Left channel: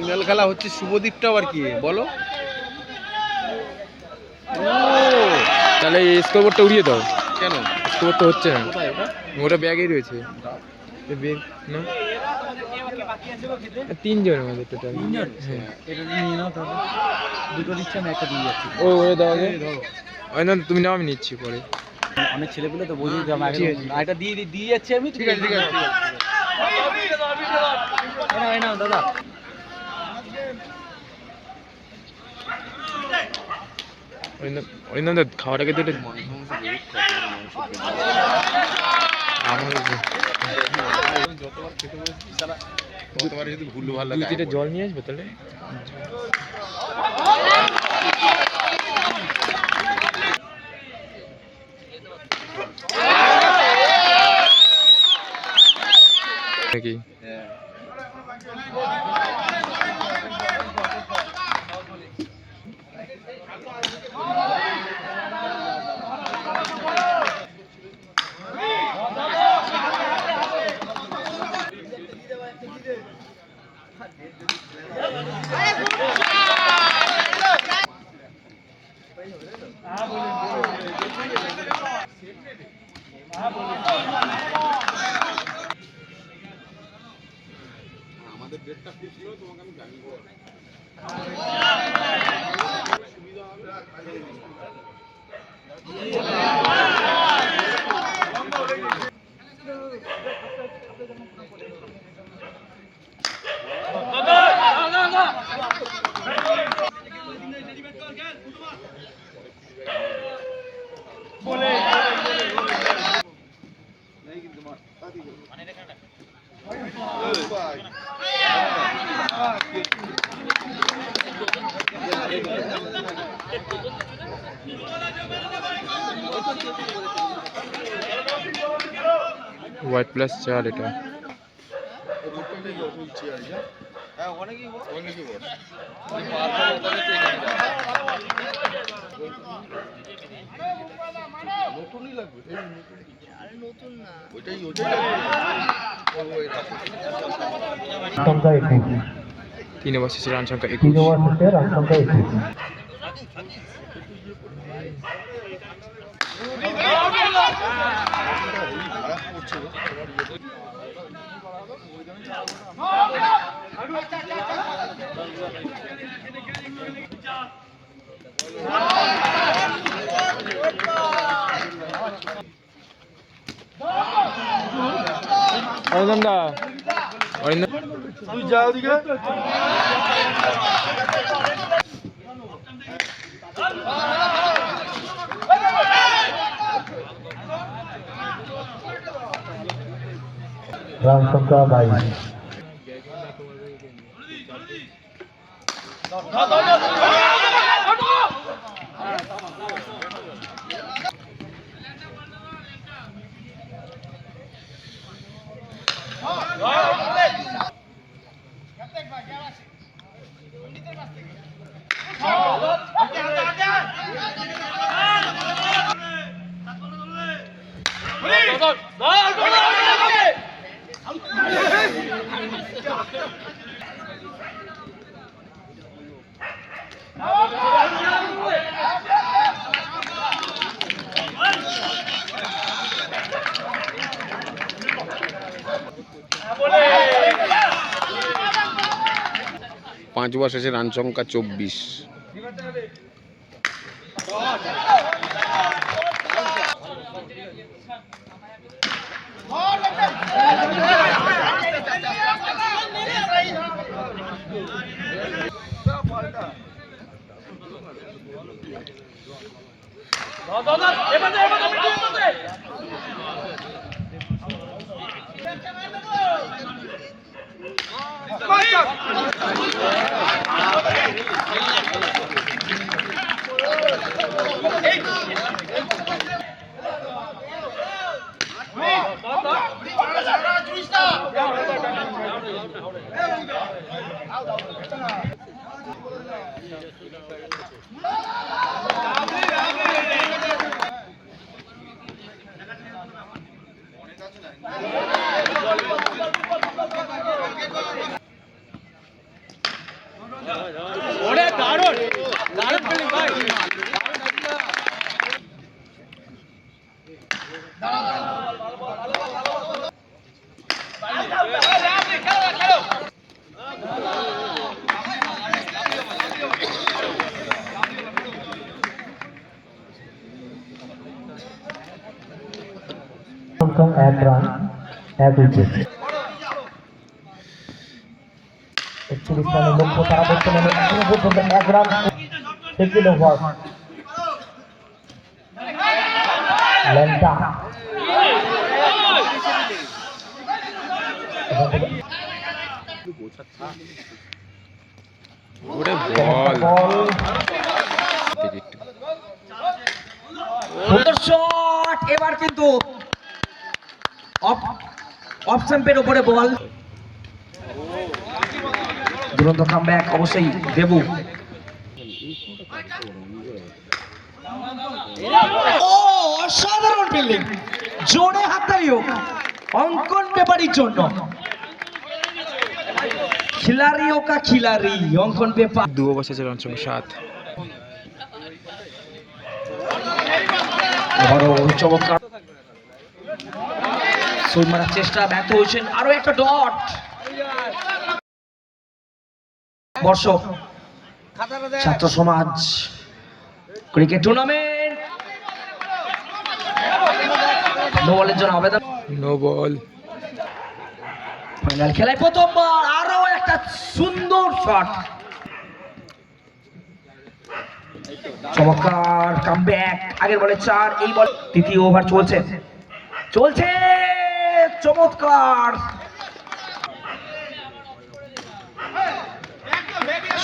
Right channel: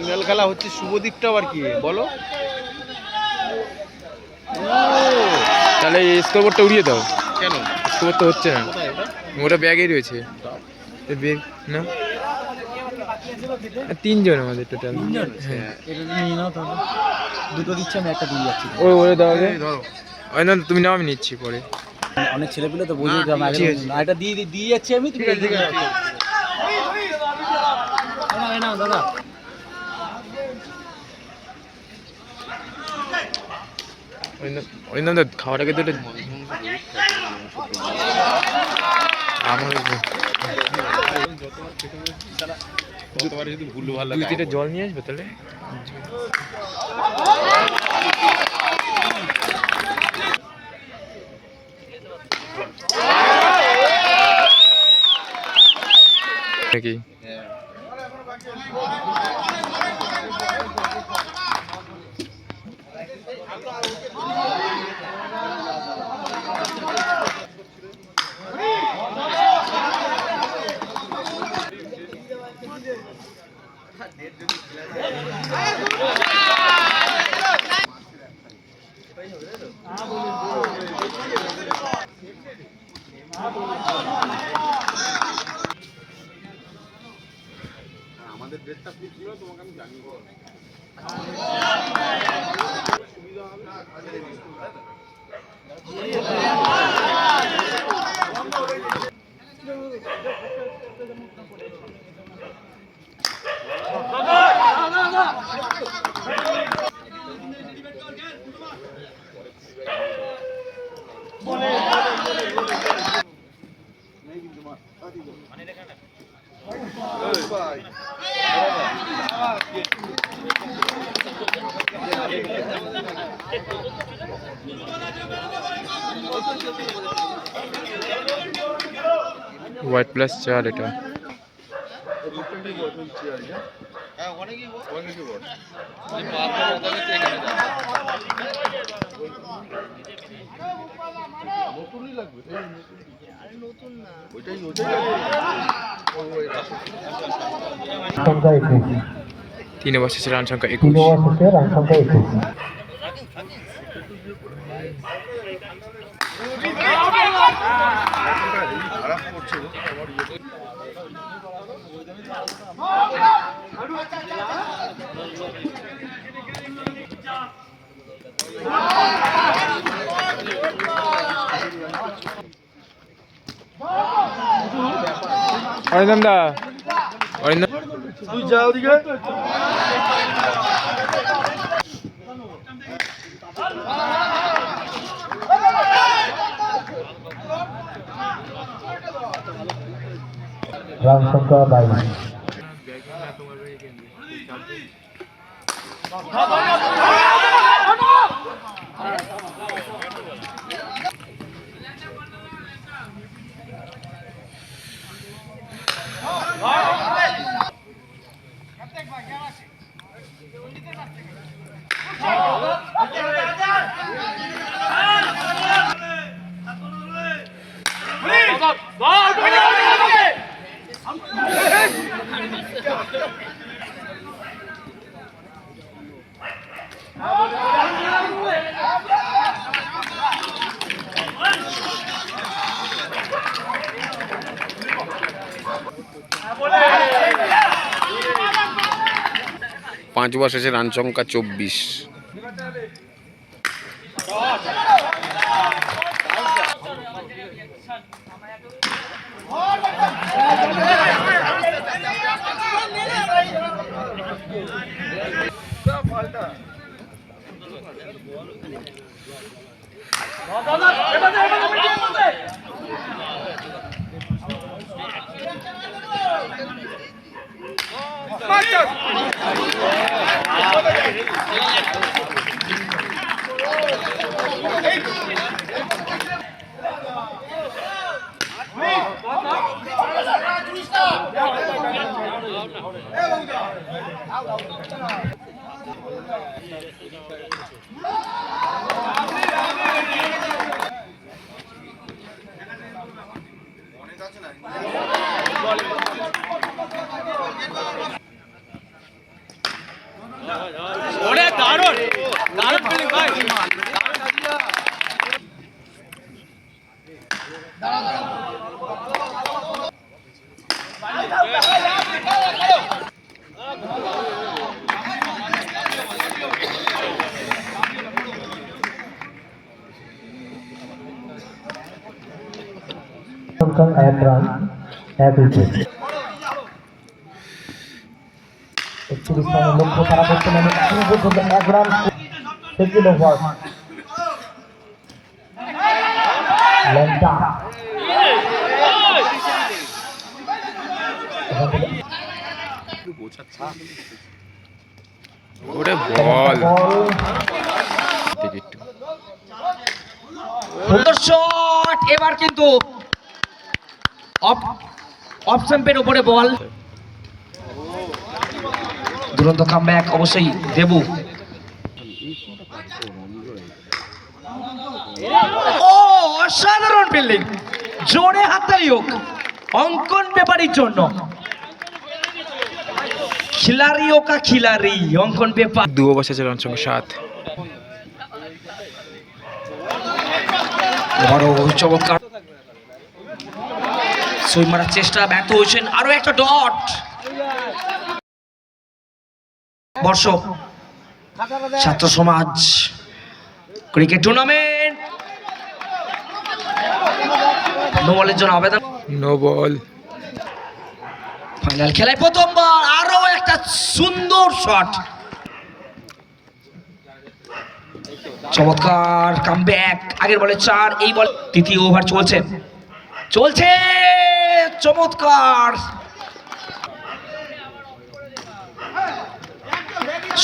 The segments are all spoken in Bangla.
ফাইনাল খেলা হচ্ছে শুভদীপটা আবার কি বলো? তাহলে স্কোরবোর্ডটা উড়িয়ে দাও। কেন স্কোর তো হচ্ছে না, ওটা ব্যাগেই রয়েছে। ব্যাগ না, 3 জন আমাদের টোটাল। হ্যাঁ দুটো দিচ্ছি, আমি একটা দিয়ে যাচ্ছি। ও ওরে দাও না, তুমি নাও, আমি নিচ্ছি পরে। অনেক ছেলেগুলো তো বুঝিয়ে দাও, একটা দিয়ে যাচ্ছি আমি। তুমি দাদা ওই নাম খাওয়ার আগে দুটো আমার দুই তিনটে জল নিয়ে আসবে তাহলে। নাকি আমাদের বেডটা খুব ছিল, তোমাকে আমি জানি সুবিধা হোয়াইট প্লাস 4 এটা। নতুনই লাগবে, নতুন না ওইটাই। সংখ্যা 21, 3 ওভার শেষে রান সংখ্যা 3 21। ওভার শেষে রান সংখ্যা 21। খারাপ করছে অরিন্দম দা, অরিন্দম তুই যাও দিকে। রান সংখ্যা 22। পাঁচ ওভার শেষে রান সংখ্যা 24। at run, at wicket. Actually, look for the background. Second over. Lenta. ওরে বল সুন্দর শট, এবার কিন্তু অফ স্টাম্পের উপরে বল। দুরন্ত কামব্যাক অবশ্যই দেবু। ও অসাধারণ ফিল্ডিং, জোরে হাততালি হোক অঙ্কন পেপারির জন্য। খিলাড়ি ওকা খিলাড়ি অঙ্কন পেপার। 2 ওভার শেষে রান সংখ্যা 7। বড় চমৎকার সুইং মারার চেষ্টা, ব্যর্থ হয়েছেন। আরো একটা ডট। বর্ষ ছাত্র সমাজ ক্রিকেট টুর্নামেন্ট, নো বলের জন্য আবেদন। No ball. ফাইনাল খেলায় প্রথমবার আরো একটা সুন্দর শট। চমৎকার কামব্যাক, আগের বলে 4, এই বল। তৃতীয় ওভার চলছে চমৎকার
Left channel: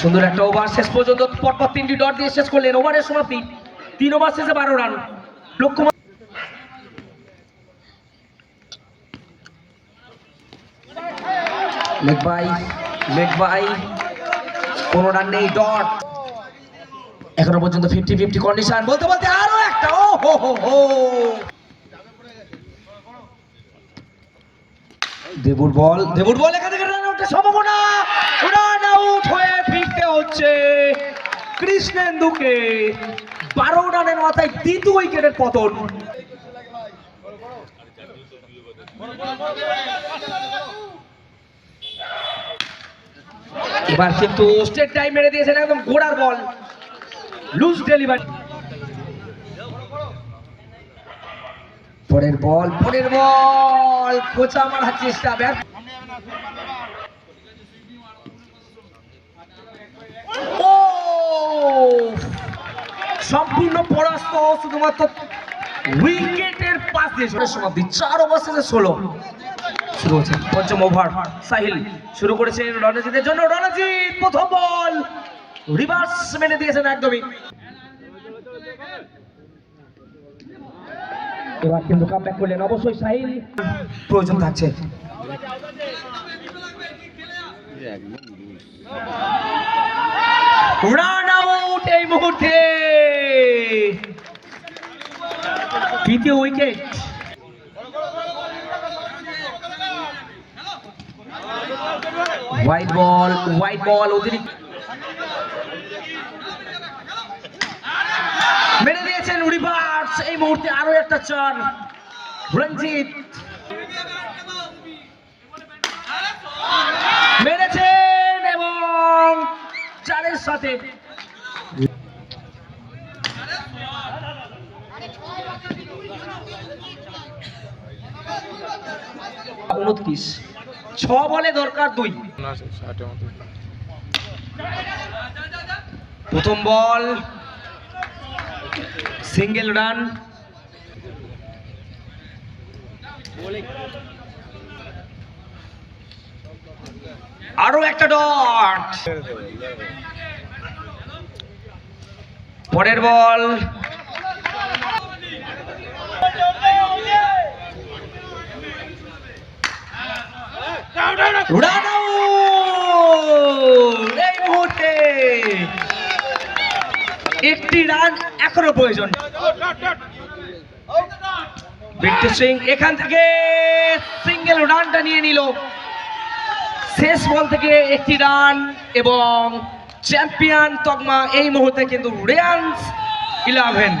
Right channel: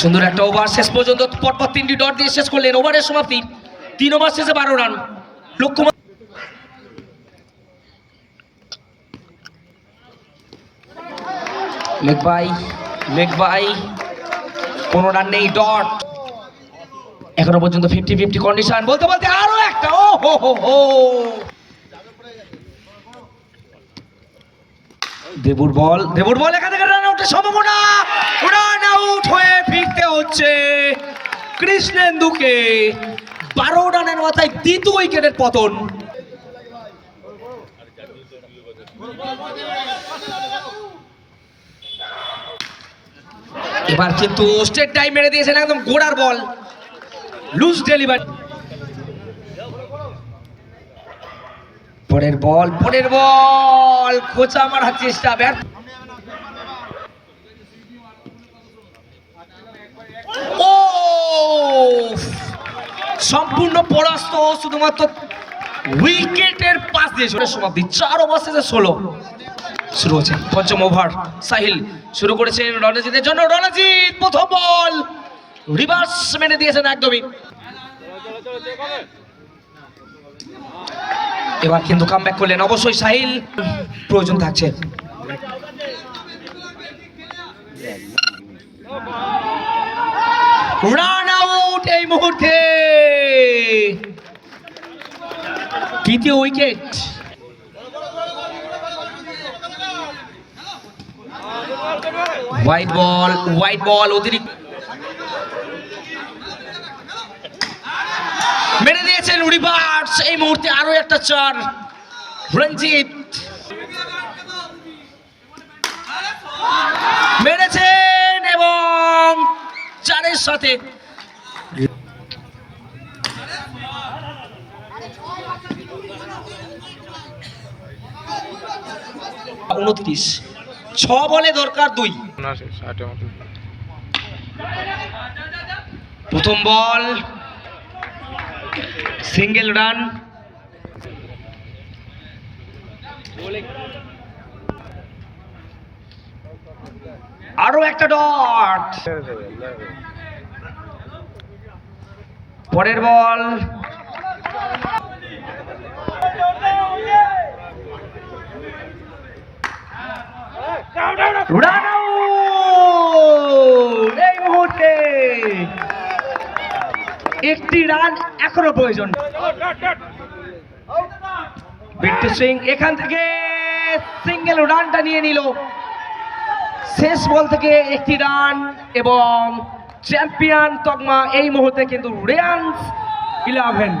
সুন্দর একটা ওভার। শেষ পর্যন্ত পরপর 3টি ডট দিয়ে শেষ করলেন। ওভারের সমাপ্তি 3 ওভার শেষে 12 রান। লক্ষ্য লেগ বাই কোনো রান নেই, ডট। এখনো পর্যন্ত 50-50 কন্ডিশন। বলতে বলতে আরো একটা, ও হো হো হো। দেবুর বল এখান থেকে রান আউটের সম্ভাবনা। রান আউট হয়ে ফিরতে হচ্ছে কৃষ্ণেন্দুকে। 12 রানের মাথায় দ্বিতীয় উইকেটের পতন। এবার কিন্তু স্ট্রেট টাইম মেরে দিয়েছেন, একদম গোড়ার বল, লুজ ডেলিভারি। পরের বল খোঁচা মারার চেষ্টা, ব্যর্থ। ও সম্পূর্ণ পরাস্ত, শুধুমাত্র উইকেটের পাস দিয়ে সমাপ্তি। 4 ওভার শেষে 16 শুরু হচ্ছে পঞ্চম ওভার। সাহিল শুরু করেছেন রণজিতের জন্য। রণজিৎ প্রথম বল রিভার্স মেনে দিয়েছেন একদমই। এবার কিন্তু কামব্যাক করলেন অবশ্যই সাহিল, প্রয়োজন থাকছে। রান আউট এই মুহূর্তে, তৃতীয় উইকেট। হোয়াইট বল অতিরিক্ত মেরে দিয়েছেন রিভার্স। এই মুহূর্তে আরো একটা 4। রঞ্জিত মেরেছেন এবং 4-এর সাথে 29। 6 বলে দরকার 2। প্রথম বল সিঙ্গেল রান। আরো একটা ডট। পরের বল রান আউট এই মুহূর্তে। একটি রান এখনো প্রয়োজন। বিট্টু সিং এখান থেকে সিঙ্গেল রানটা নিয়ে নিল। শেষ বল থেকে একটি রান এবং চ্যাম্পিয়ন তকমা এই মুহূর্তে কিন্তু রেয়ান্স 11।